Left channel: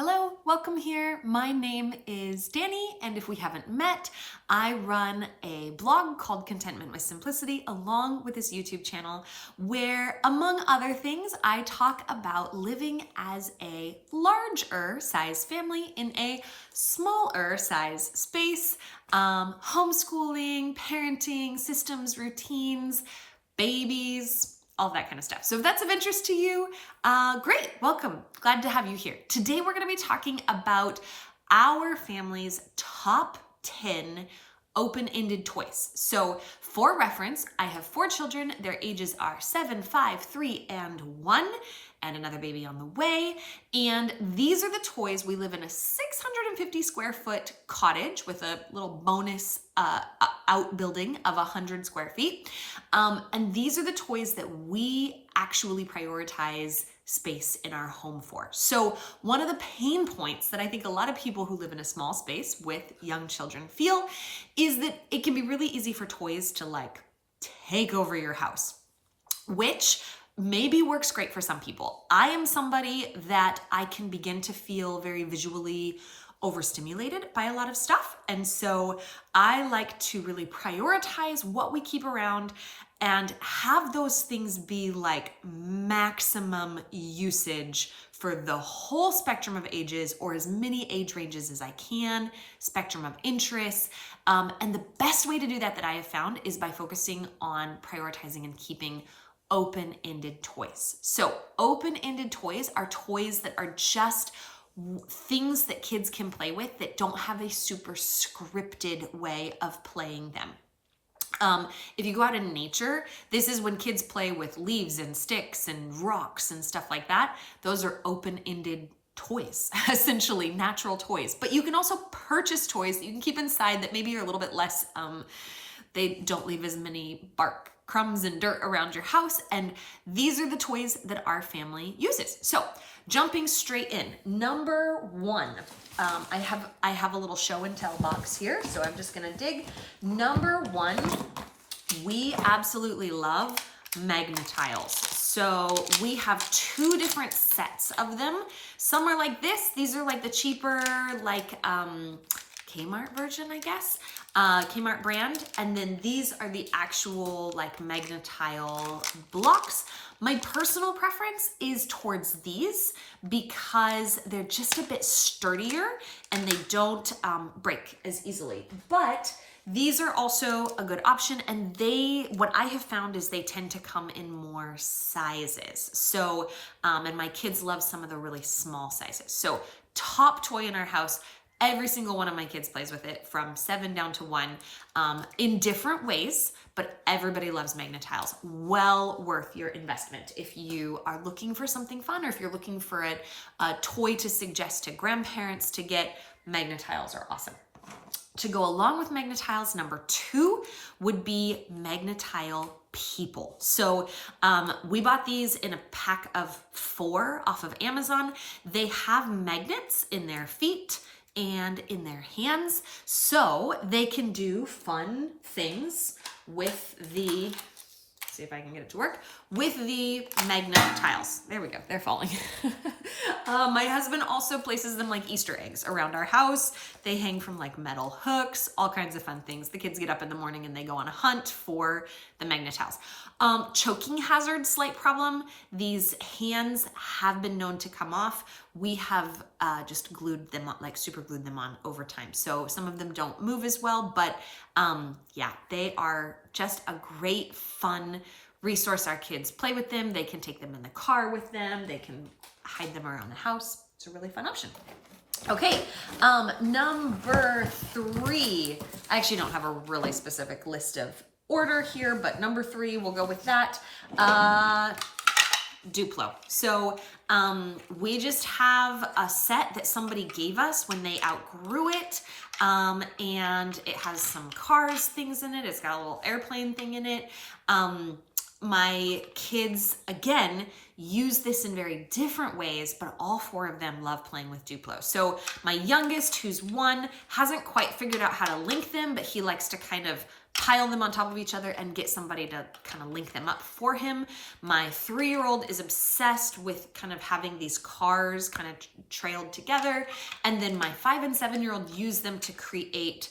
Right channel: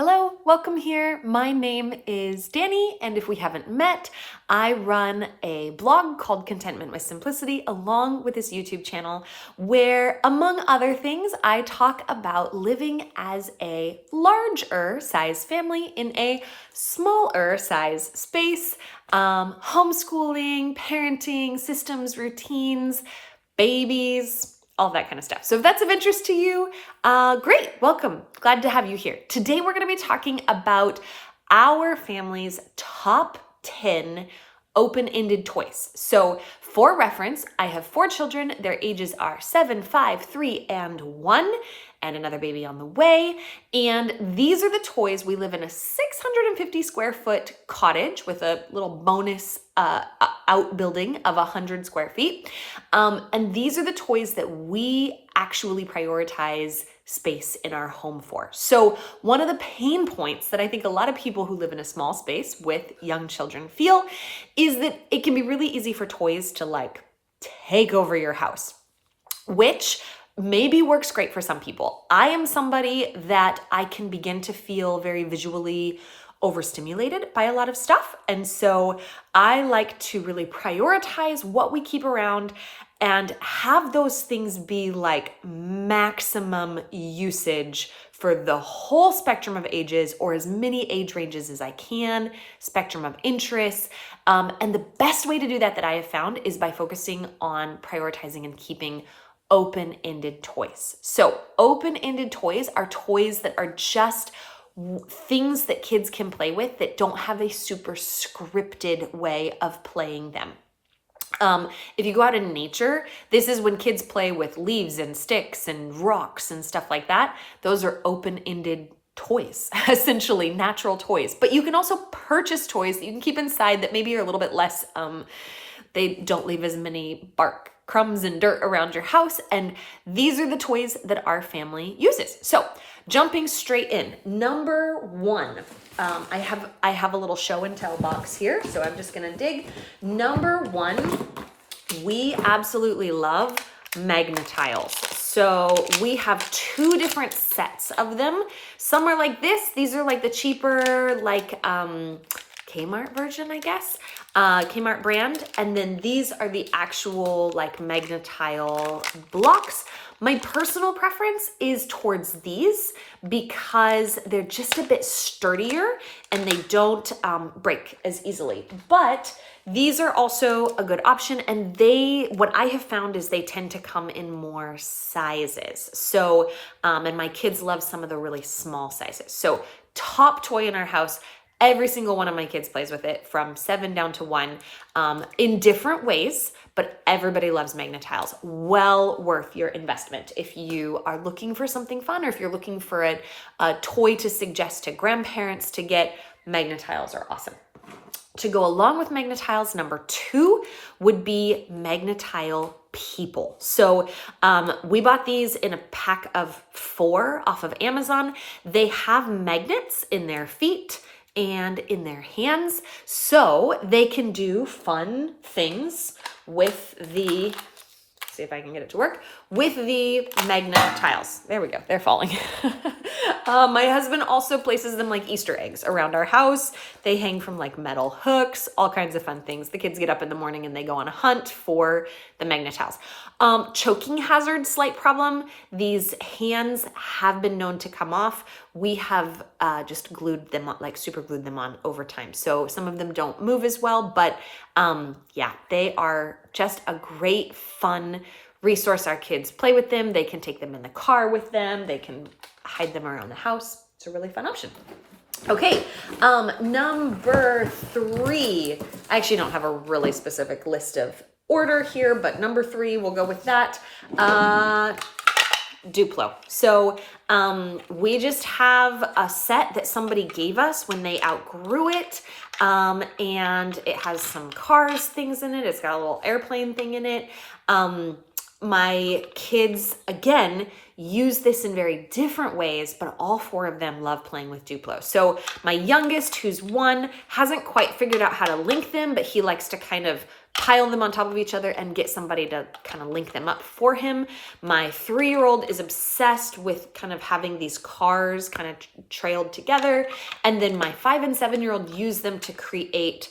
Hello, welcome here. My name is Danny, and if we haven't met, I run a blog called Contentment with Simplicity along with this YouTube channel where, among other things, I talk about living as a larger size family in a smaller size space, homeschooling, parenting, systems, routines, babies, all that kind of stuff. So if that's of interest to you, great, welcome. Glad to have you here. Today we're going to be talking about our family's top 10 open-ended toys. So for reference, I have 4 children. Their ages are 7, 5, 3, and 1, and another baby on the way. And these are the toys. We live in a 650 square foot cottage with a little bonus outbuilding of 100 square feet. And these are the toys that we actually prioritize space in our home for. So one of the pain points that I think a lot of people who live in a small space with young children feel is that it can be really easy for toys to like take over your house, which maybe works great for some people. I am somebody that I can begin to feel very visually overstimulated by a lot of stuff. And so I like to really prioritize what we keep around and have those things be like maximum usage for the whole spectrum of ages or as many age ranges as I can, spectrum of interests. And the best way to do that I have found is by focusing on prioritizing and keeping open-ended toys. So open-ended toys are toys that are just things that kids can play with that don't have a super scripted way of playing them. If you go out in nature, this is when kids play with leaves and sticks and rocks and stuff like that. Those are open-ended toys, essentially natural toys. But you can also purchase toys that you can keep inside that maybe are a little bit less, they don't leave as many bark, crumbs, and dirt around your house. And these are the toys that our family uses. So jumping straight in, number 1, I have a little show and tell box here, so I'm just gonna dig. Number 1, we absolutely love Magna-Tiles. So we have 2 different sets of them. Some are like this. These are like the cheaper, like Kmart version, I guess, Kmart brand. And then these are the actual like Magna-Tile blocks. My personal preference is towards these because they're just a bit sturdier and they don't break as easily. But these are also a good option, and what I have found is they tend to come in more sizes. So, and my kids love some of the really small sizes. So top toy in our house, every single one of my kids plays with it from 7 down to 1 in different ways, but everybody loves Magna-Tiles. Well worth your investment if you are looking for something fun or if you're looking for a toy to suggest to grandparents to get. Magna-Tiles are awesome. To go along with Magna-Tiles, number 2 would be Magna-Tile people. So we bought these in a pack of 4 off of Amazon. They have magnets in their feet and in their hands, so they can do fun things with the, see if I can get it to work, with the Magna-Tiles. There we go, they're falling. My husband also places them like Easter eggs around our house. They hang from like metal hooks, all kinds of fun things. The kids get up in the morning and they go on a hunt for the Magna-Tiles. Choking hazard, slight problem. These hands have been known to come off. We have just glued them on, like super glued them on over time. So some of them don't move as well, but yeah, they are just a great fun resource. Our kids play with them. They can take them in the car with them. They can hide them around the house. It's a really fun option. Okay, number 3, I actually don't have a really specific list of order here, but number 3, we'll go with that. Duplo. So we just have a set that somebody gave us when they outgrew it, and it has some cars things in it. It's got a little airplane thing in it. My kids, again, use this in very different ways, but all 4 of them love playing with Duplo. So my youngest, who's 1, hasn't quite figured out how to link them, but he likes to kind of pile them on top of each other and get somebody to kind of link them up for him. My 3-year-old is obsessed with kind of having these cars kind of trailed together. And then my 5 and 7-year-old use them to create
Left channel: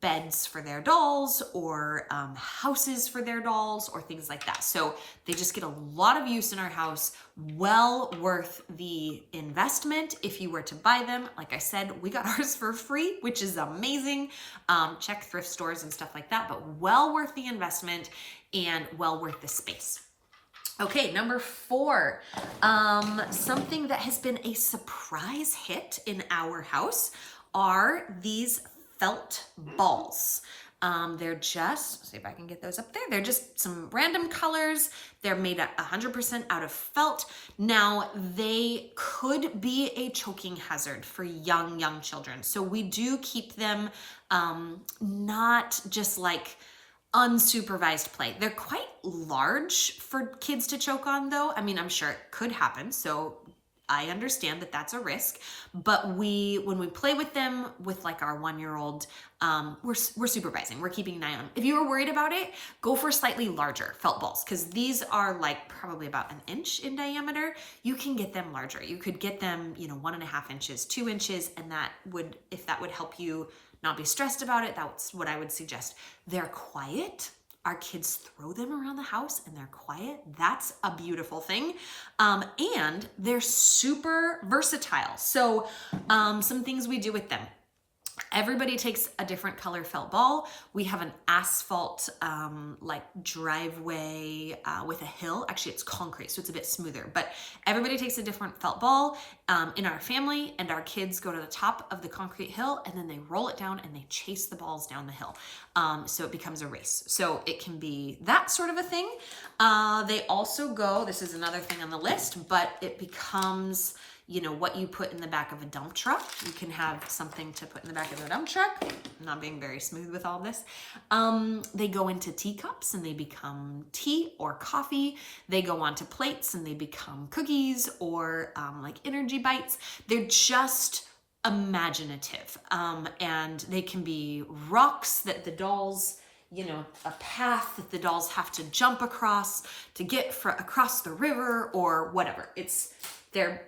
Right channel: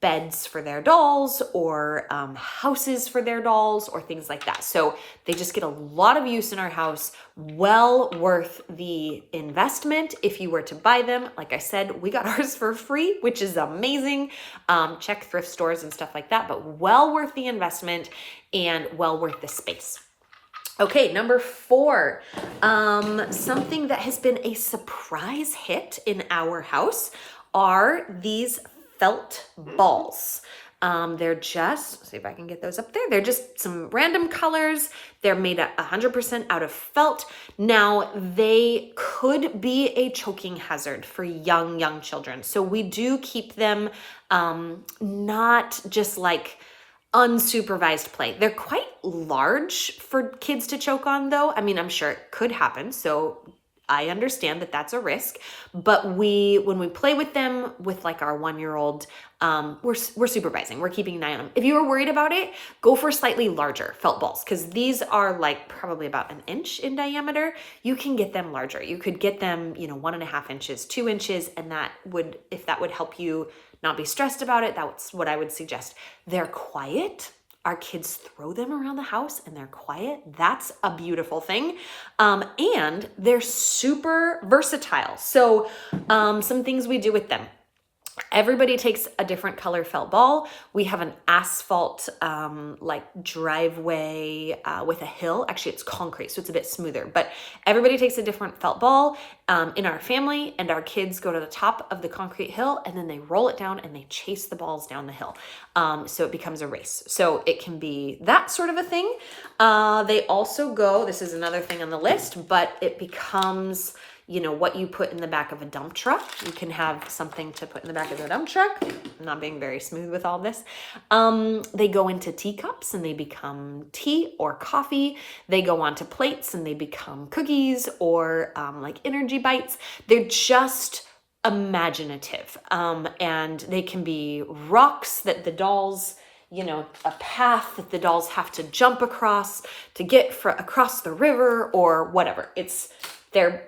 beds for their dolls or houses for their dolls or things like that. So they just get a lot of use in our house. Well worth the investment if you were to buy them. Like I said, we got ours for free, which is amazing. Check thrift stores and stuff like that, but well worth the investment and well worth the space. Okay, number 4, something that has been a surprise hit in our house are these felt balls. They're just, let's see if I can get those up there. They're just some random colors. They're made 100% out of felt. Now, they could be a choking hazard for young children. So we do keep them not just like unsupervised play. They're quite large for kids to choke on though. I mean, I'm sure it could happen. So I understand that that's a risk, but when we play with them with like our 1-year-old, we're supervising, we're keeping an eye on them. If you were worried about it, go for slightly larger felt balls because these are like probably about 1 inch in diameter. You can get them larger. You could get them, 1.5 inches, 2 inches, and if that would help you not be stressed about it, that's what I would suggest. They're quiet. Our kids throw them around the house and they're quiet. That's a beautiful thing. And they're super versatile. So some things we do with them. Everybody takes a different color felt ball. We have an asphalt like driveway with a hill. Actually, it's concrete, so it's a bit smoother. But everybody takes a different felt ball in our family, and our kids go to the top of the concrete hill, and then they roll it down and they chase the balls down the hill. So it becomes a race. So it can be that sort of a thing. They also go, this is another thing on the list, but it becomes what you put in the back of a dump truck. You can have something to put in the back of the dump truck. I'm not being very smooth with all this. They go into teacups and they become tea or coffee. They go onto plates and they become cookies or like energy bites. They're just imaginative. And they can be rocks that the dolls, a path that the dolls have to jump across to get across the river or whatever. They're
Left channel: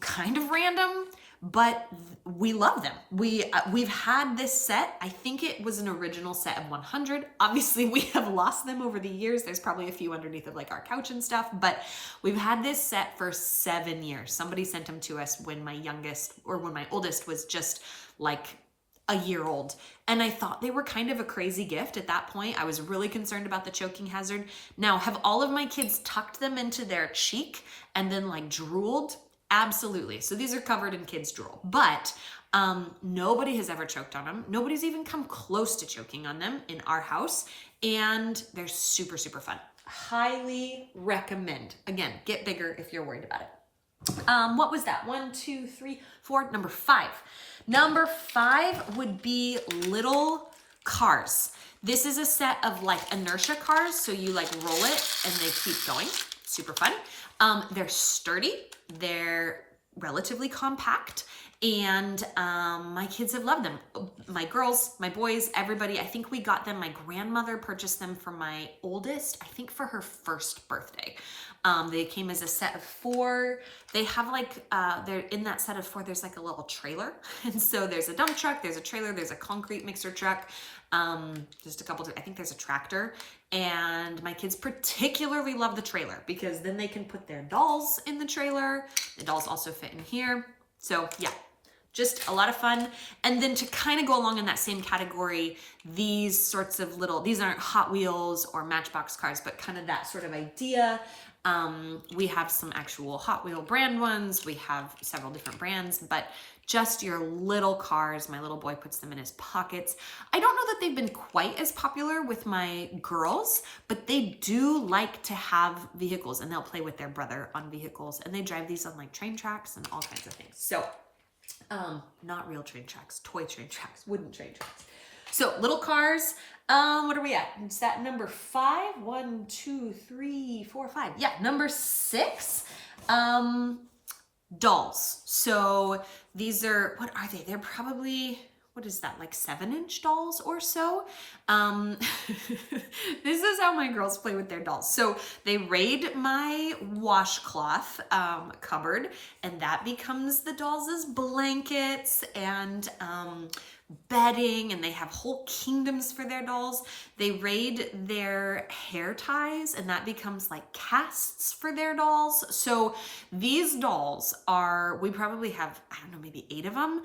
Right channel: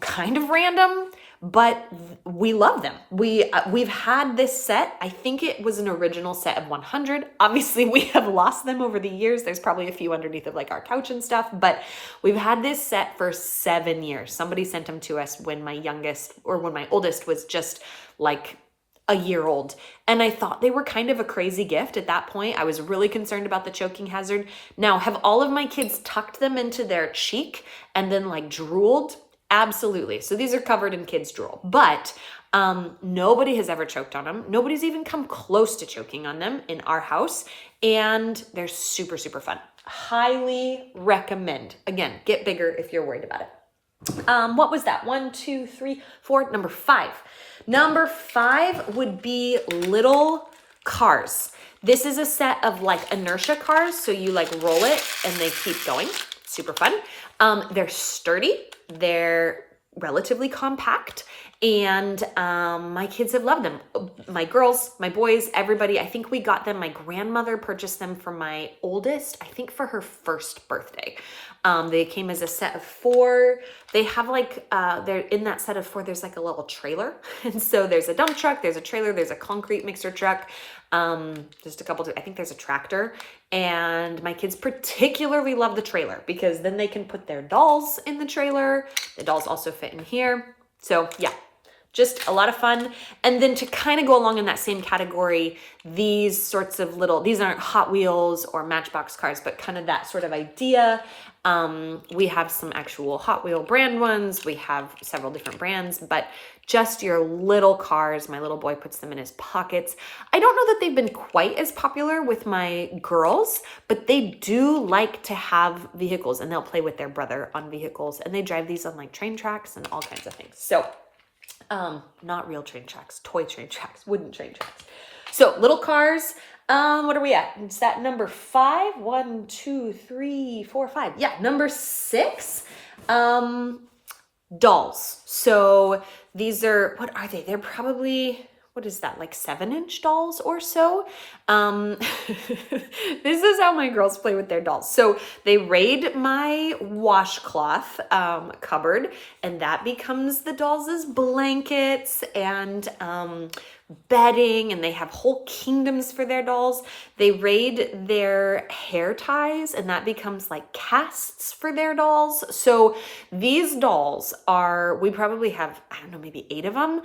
kind of random, but we love them. We've had this set. I think it was an original set of 100. Obviously, we have lost them over the years. There's probably a few underneath of like our couch and stuff, but we've had this set for 7 years. Somebody sent them to us when my oldest was just like a year old. And I thought they were kind of a crazy gift at that point. I was really concerned about the choking hazard. Now, have all of my kids tucked them into their cheek and then like drooled? Absolutely. So these are covered in kids' drool, but nobody has ever choked on them. Nobody's even come close to choking on them in our house. And they're super, super fun. Highly recommend. Again, get bigger if you're worried about it. What was that? 1, 2, 3, 4. Number 5. Number 5 would be little cars. This is a set of like inertia cars. So you like roll it and they keep going. Super fun. They're sturdy. They're relatively compact. And my kids have loved them. My girls, my boys, everybody. I think we got them. My grandmother purchased them for my oldest, I think for her first birthday. They came as a set of 4. They have like, they're in that set of 4, there's like a little trailer. And so there's a dump truck, there's a trailer, there's a concrete mixer truck. Just a couple, I think there's a tractor. And my kids particularly love the trailer because then they can put their dolls in the trailer. The dolls also fit in here. So yeah, just a lot of fun. And then to kind of go along in that same category, these sorts of these aren't Hot Wheels or Matchbox cars, but kind of that sort of idea. We have some actual Hot Wheel brand ones. We have several different brands, but just your little cars. My little boy puts them in his pockets. I don't know that they've been quite as popular with my girls, but they do like to have vehicles and they'll play with their brother on vehicles and they drive these on like train tracks and all kinds of things. So, not real train tracks, toy train tracks, wooden train tracks. So little cars, what are we at? Is that number 5? 1, 2, 3, 4, 5. Yeah, number 6, dolls. So these are, what are they? They're probably what is that, like 7-inch dolls or so. This is how my girls play with their dolls. So they raid my washcloth cupboard, and that becomes the dolls' blankets and bedding, and they have whole kingdoms for their dolls. They raid their hair ties, and that becomes like casts for their dolls. So these dolls are, we probably have, I don't know, maybe 8 of them.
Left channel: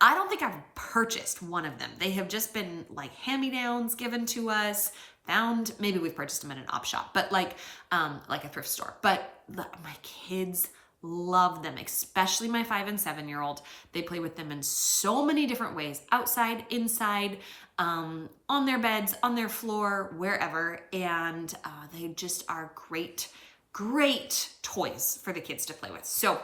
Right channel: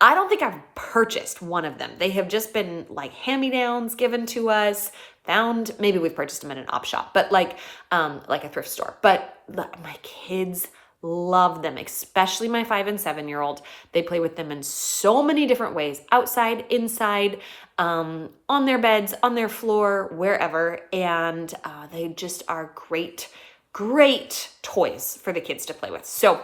I don't think I've purchased one of them. They have just been like hand-me-downs given to us, found, maybe we've purchased them at an op shop, but like a thrift store. But my kids love them, especially my 5 and 7-year-old. They play with them in so many different ways, outside, inside, on their beds, on their floor, wherever. And they just are great, great toys for the kids to play with. So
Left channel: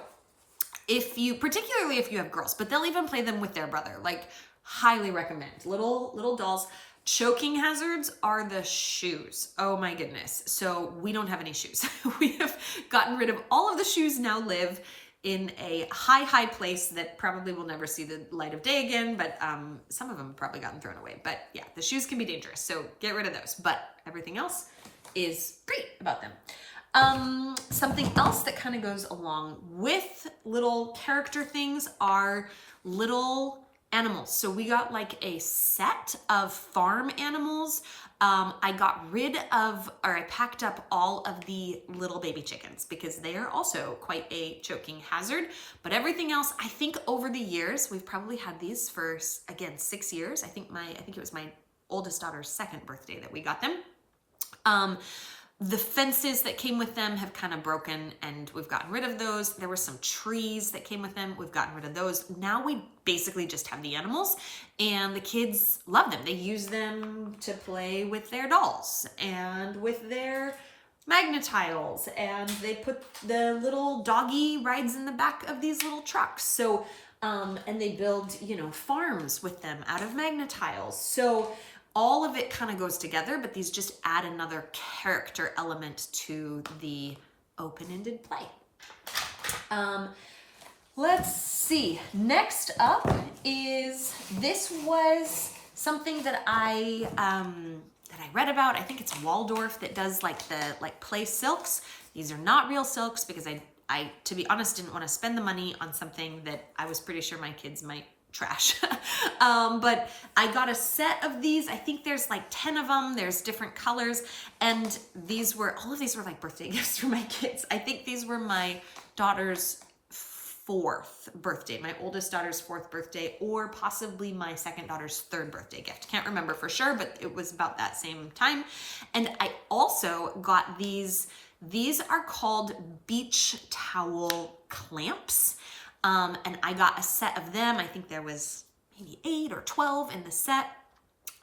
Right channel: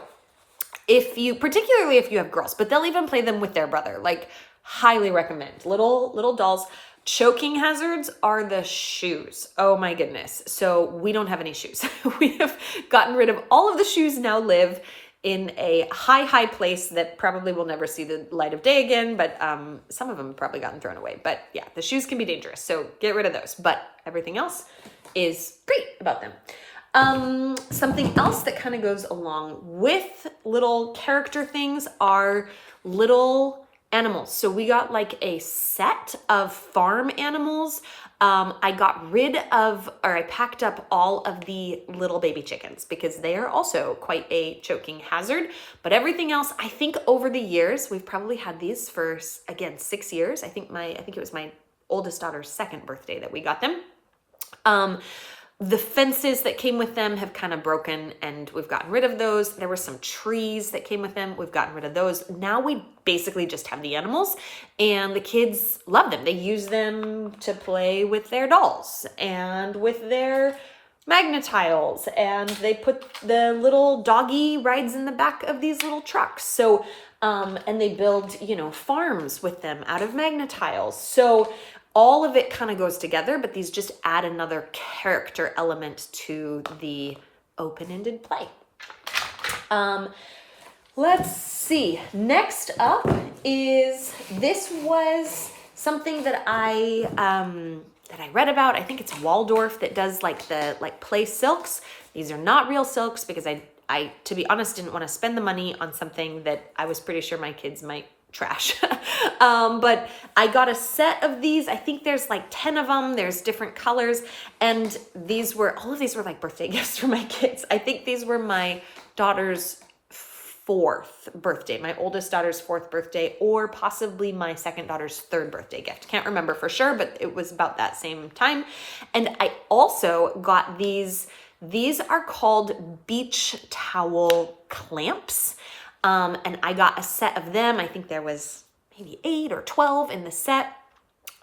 particularly if you have girls, but they'll even play them with their brother, like highly recommend. Little dolls. Choking hazards are the shoes. Oh my goodness. So we don't have any shoes. We have gotten rid of all of the shoes, now live in a high place that probably will never see the light of day again, but some of them have probably gotten thrown away. But yeah, the shoes can be dangerous, so get rid of those. But everything else is great about them. Something else that kind of goes along with little character things are little animals. So we got like a set of farm animals. I got rid of, or I packed up all of the little baby chickens because they are also quite a choking hazard. But everything else, I think over the years, we've probably had these for, again, 6 years. I think it was my oldest daughter's 2nd birthday that we got them. The fences that came with them have kind of broken, and we've gotten rid of those. There were some trees that came with them. We've gotten rid of those. Now we basically just have the animals, and the kids love them. They use them to play with their dolls and with their Magna-Tiles, and they put the little doggy rides in the back of these little trucks. So, and they build, farms with them out of Magna-Tiles. So all of it kind of goes together, but these just add another character element to the open-ended play. Let's see. Next up is, this was something that I read about. I think it's Waldorf that does like the play silks. These are not real silks because I, to be honest, didn't want to spend the money on something that I was pretty sure my kids might trash. But I got a set of these. I think there's like 10 of them. There's different colors. And all of these were like birthday gifts for my kids. I think these were my daughter's 4th birthday, my oldest daughter's 4th birthday, or possibly my 2nd daughter's 3rd birthday gift. Can't remember for sure, but it was about that same time. And I also got these. These are called beach towel clamps. And I got a set of them. I think there was maybe 8 or 12 in the set.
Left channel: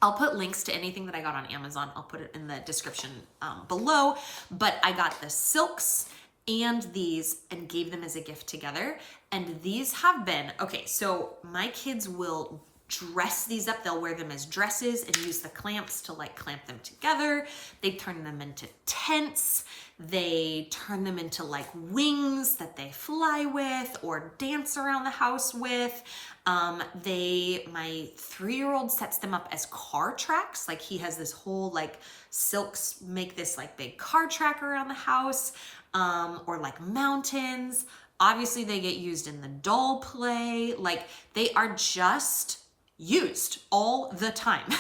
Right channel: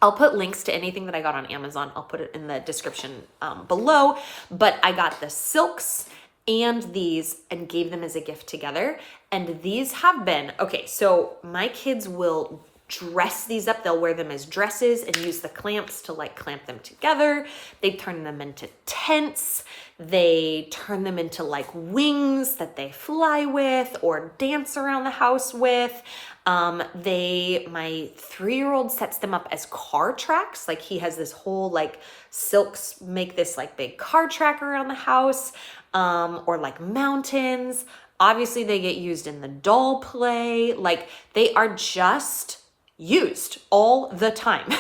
I'll put links to anything that I got on Amazon. I'll put it in the description below. But I got the silks and these and gave them as a gift together. And these have been, okay, so my kids will dress these up. They'll wear them as dresses and use the clamps to like clamp them together. They turn them into tents. They turn them into like wings that they fly with or dance around the house with. My 3-year-old sets them up as car tracks. Like he has this whole like silks make this like big car track around the house, or like mountains. Obviously they get used in the doll play. Like they are just used all the time.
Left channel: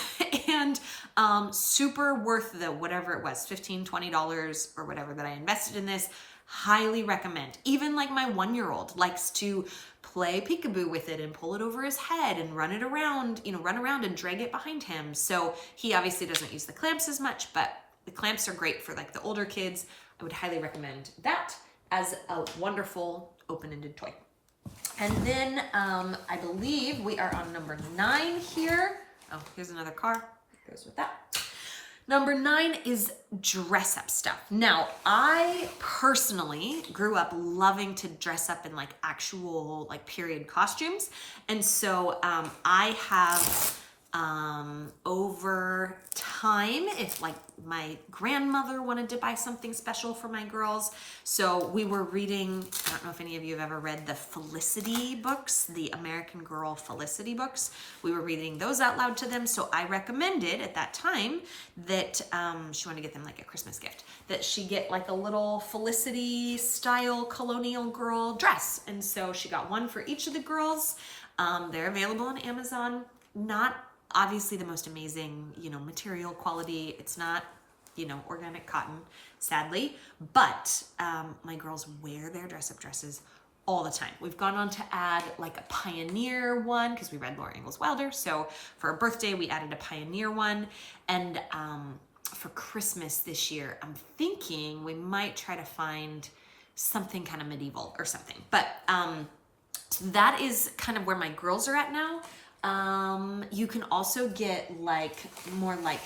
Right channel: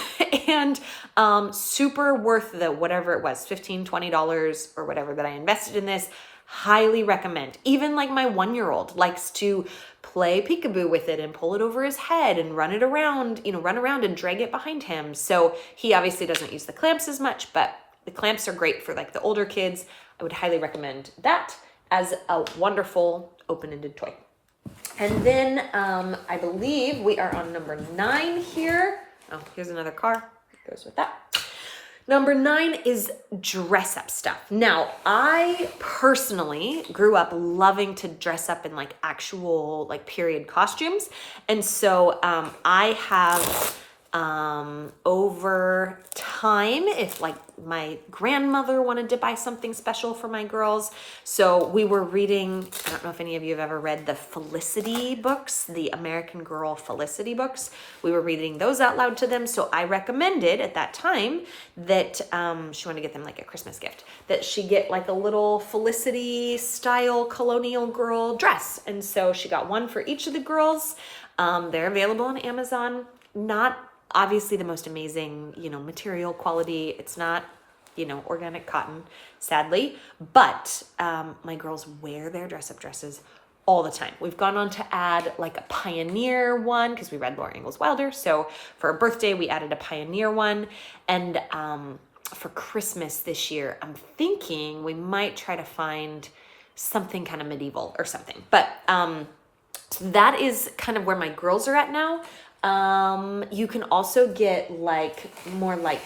And super worth the whatever it was, $15, $20 or whatever that I invested in this. Highly recommend. Even like my 1-year-old likes to play peekaboo with it and pull it over his head and run around and drag it behind him. So he obviously doesn't use the clamps as much, but the clamps are great for like the older kids. I would highly recommend that as a wonderful open-ended toy. And then I believe we are on number 9 here. Oh, here's another car. Goes with that. Number 9 is dress up stuff. Now, I personally grew up loving to dress up in like actual like period costumes. And so I have over time, if like my grandmother wanted to buy something special for my girls. So we were reading, I don't know if any of you have ever read the Felicity books, the American Girl Felicity books. We were reading those out loud to them. So I recommended at that time that she wanted to get them like a Christmas gift, that she get like a little Felicity style Colonial girl dress. And so she got one for each of the girls. They're available on Amazon. Not obviously the most amazing, material quality. It's not, organic cotton, sadly, but my girls wear their dress-up dresses all the time. We've gone on to add like a Pioneer one because we read Laura Ingalls Wilder. So for a birthday, we added a Pioneer one. And for Christmas this year, I'm thinking we might try to find something kind of medieval or something. But that is kind of where my girls are at now. You can also get like more like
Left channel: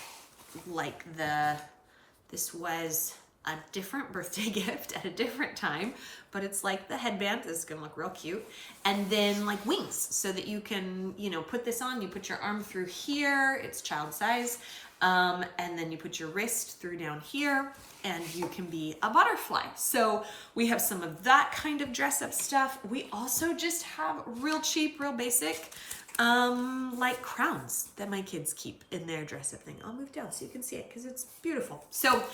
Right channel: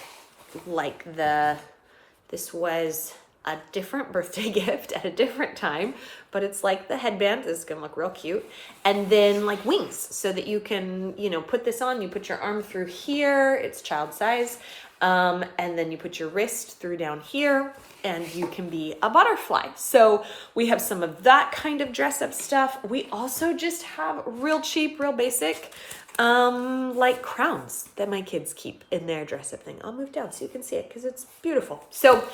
this was a different birthday gift at a different time, but it's like the headband. This is gonna look real cute. And then like wings so that you can, put this on, you put your arm through here, it's child size. And then you put your wrist through down here and you can be a butterfly. So we have some of that kind of dress up stuff. We also just have real cheap, real basic, like crowns that my kids keep in their dress up thing. I'll move down so you can see it because it's beautiful. So,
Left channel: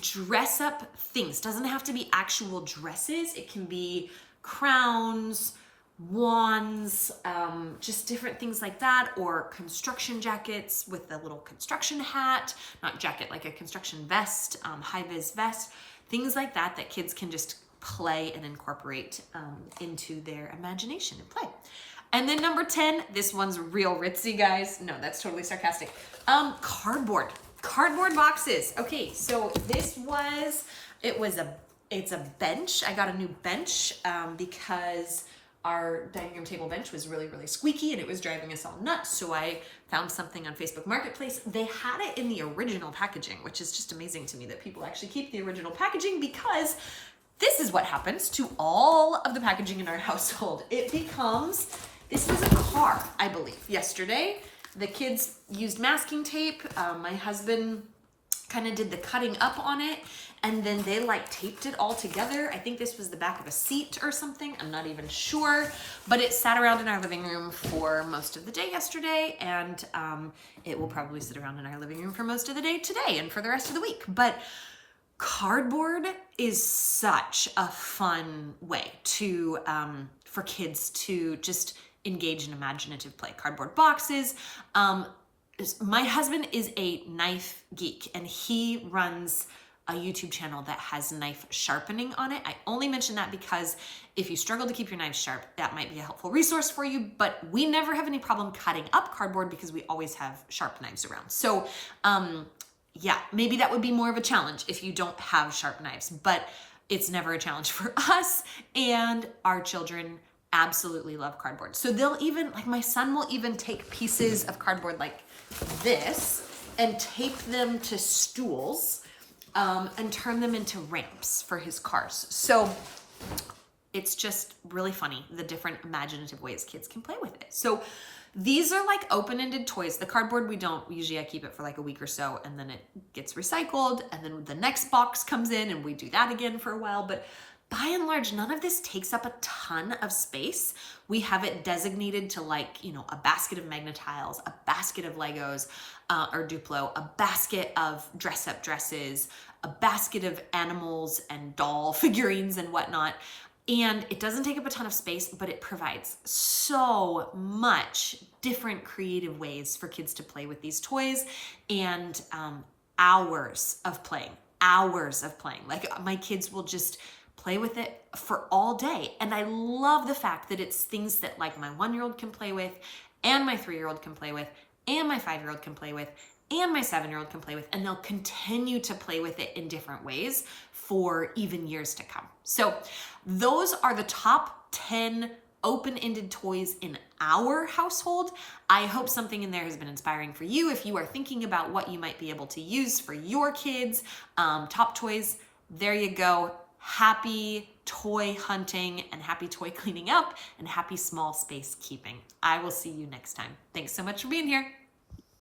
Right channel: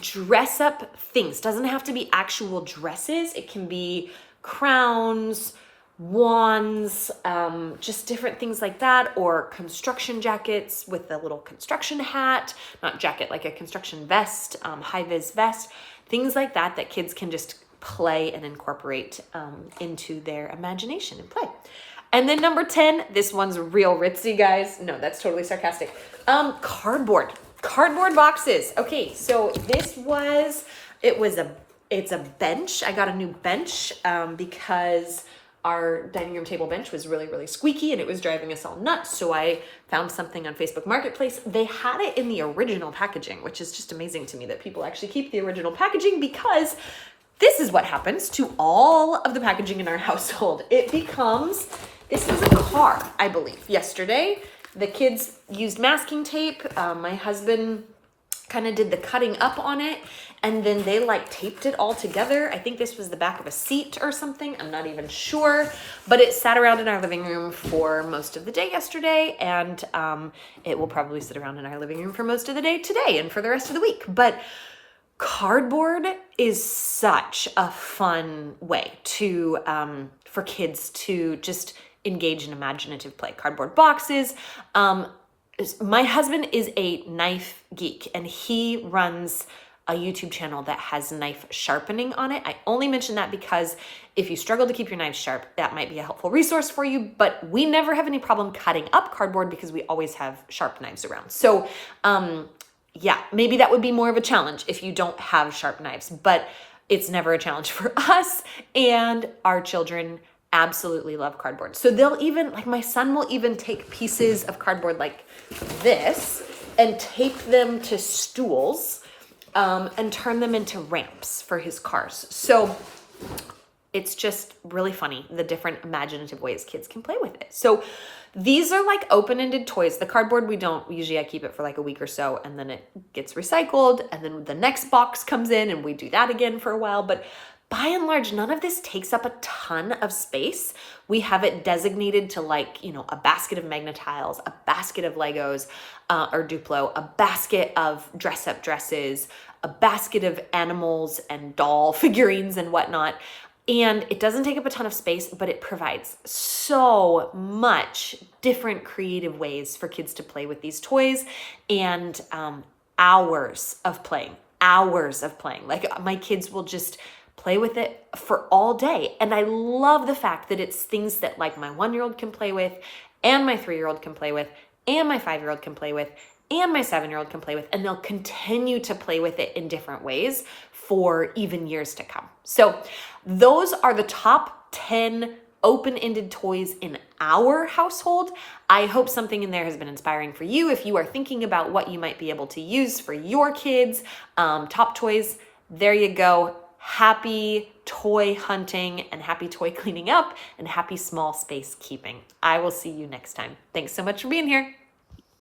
dress up things doesn't have to be actual dresses. It can be crowns, wands, just different things like that, or construction jackets with a little construction hat, not jacket, like a construction vest, high-vis vest, things like that that kids can just play and incorporate into their imagination and play. And then number 10, this one's real ritzy, guys. No, that's totally sarcastic. Cardboard boxes. Okay, so it's a bench. I got a new bench because our dining room table bench was really, really squeaky and it was driving us all nuts. So I found something on Facebook Marketplace. They had it in the original packaging, which is just amazing to me that people actually keep the original packaging, because this is what happens to all of the packaging in our household. This was a car, I believe, yesterday. The kids used masking tape. My husband kind of did the cutting up on it, and then they like taped it all together. I think this was the back of a seat or something. I'm not even sure, but it sat around in our living room for most of the day yesterday, and it will probably sit around in our living room for most of the day today and for the rest of the week. But cardboard is such a fun way to for kids to just engage in imaginative play. Cardboard boxes. My husband is a knife geek and he runs a YouTube channel that has knife sharpening on it. I only mention that because if you struggle to keep your knives sharp, that might be a helpful resource for you, but we never have any problem cutting up cardboard because we always have sharp knives around. So, yeah, maybe that would be more of a challenge if you don't have sharp knives, but it's never a challenge for us, and our children absolutely love cardboard. So they'll even, like my son will even take pieces of cardboard like this and tape them to stools and turn them into ramps for his cars. So it's just really funny, the different imaginative ways kids can play with it. So these are like open-ended toys. The cardboard, usually I keep it for like a week or so and then it gets recycled and then the next box comes in and we do that again for a while. But by and large, none of this takes up a ton of space. We have it designated to like, a basket of Magna-Tiles, a basket of Legos or Duplo, a basket of dress-up dresses, a basket of animals and doll figurines and whatnot. And it doesn't take up a ton of space, but it provides so much different creative ways for kids to play with these toys, and hours of playing. Like my kids will just play with it for all day. And I love the fact that it's things that like my 1-year-old can play with, and my 3-year-old can play with, and my 5-year-old can play with, and my 7-year-old can play with, and they'll continue to play with it in different ways for even years to come. So those are the top 10 open-ended toys in our household. I hope something in there has been inspiring for you. If you are thinking about what you might be able to use for your kids, top toys, there you go. Happy toy hunting and happy toy cleaning up and happy small space keeping. I will see you next time. Thanks so much for being here.